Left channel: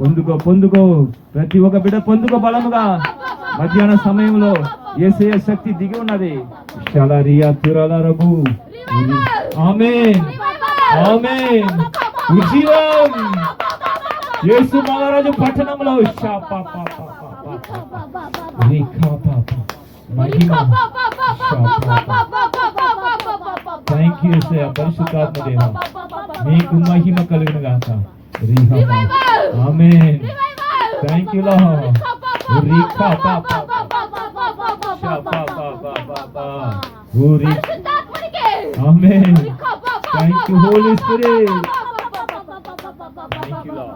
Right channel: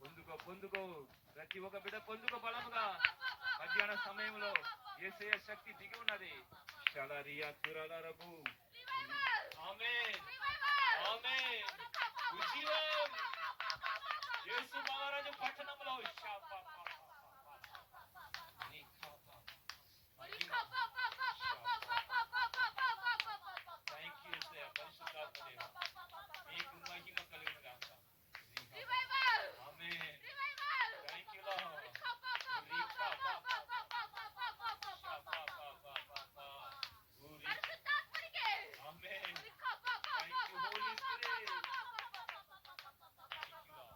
పొందుకో పొందుకో, ప్రతి ఒక్క బిడ్డ పొందుకో బలముగా. మధ్యాహ్న సమయంలో యేసయ్య శక్తి దిగి ఉన్నది. షలరియా తురలరబు. ఆమేన్ ఆమేన్. ఉజ్జీవం యేసు మహారాజు పట్టణంలో థ్యాంక్ యూ యేసయ్య. పరిశుద్ధాత్మ దేవా మీకు మహిమ కలుగును గాక. Amen. Thank you Lord. Amen. Thank you holy spirit. Thank you Lord.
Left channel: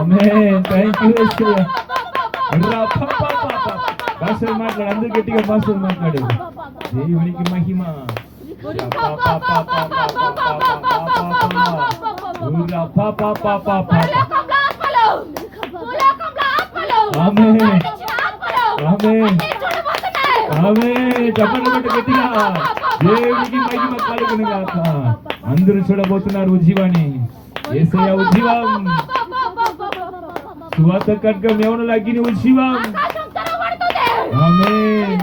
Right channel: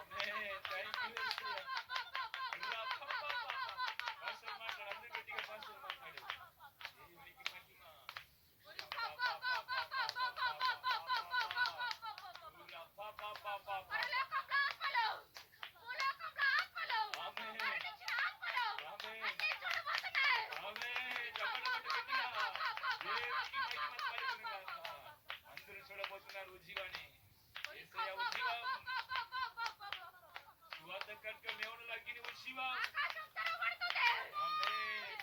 Amen. Thank you Yesayya. భాషలు మాట్లాడు, అందరూ గట్టిగా భాషలు మాట్లాడు. దేవునికి మహిమ. దేవునికి మహిమ కలుగును గాక. అందరూ చూడబోతున్నారు ఉజ్జీవాన్ని. యేసయ్య ఉజ్జీవం. సువార్త ఖడ్గం యెహోవా అగ్ని ఉజ్జీవం. ఆమేన్.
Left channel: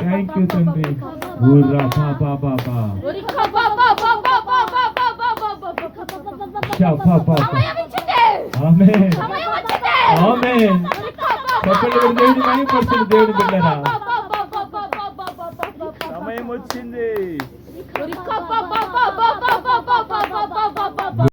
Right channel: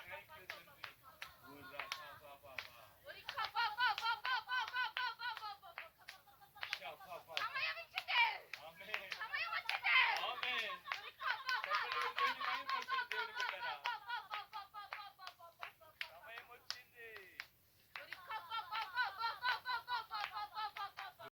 థ్యాంక్ యూ తండ్రి. ఆమేన్ ఆమేన్. దేవుని మహిమపరచండి దేవుని బిడ్డలారా.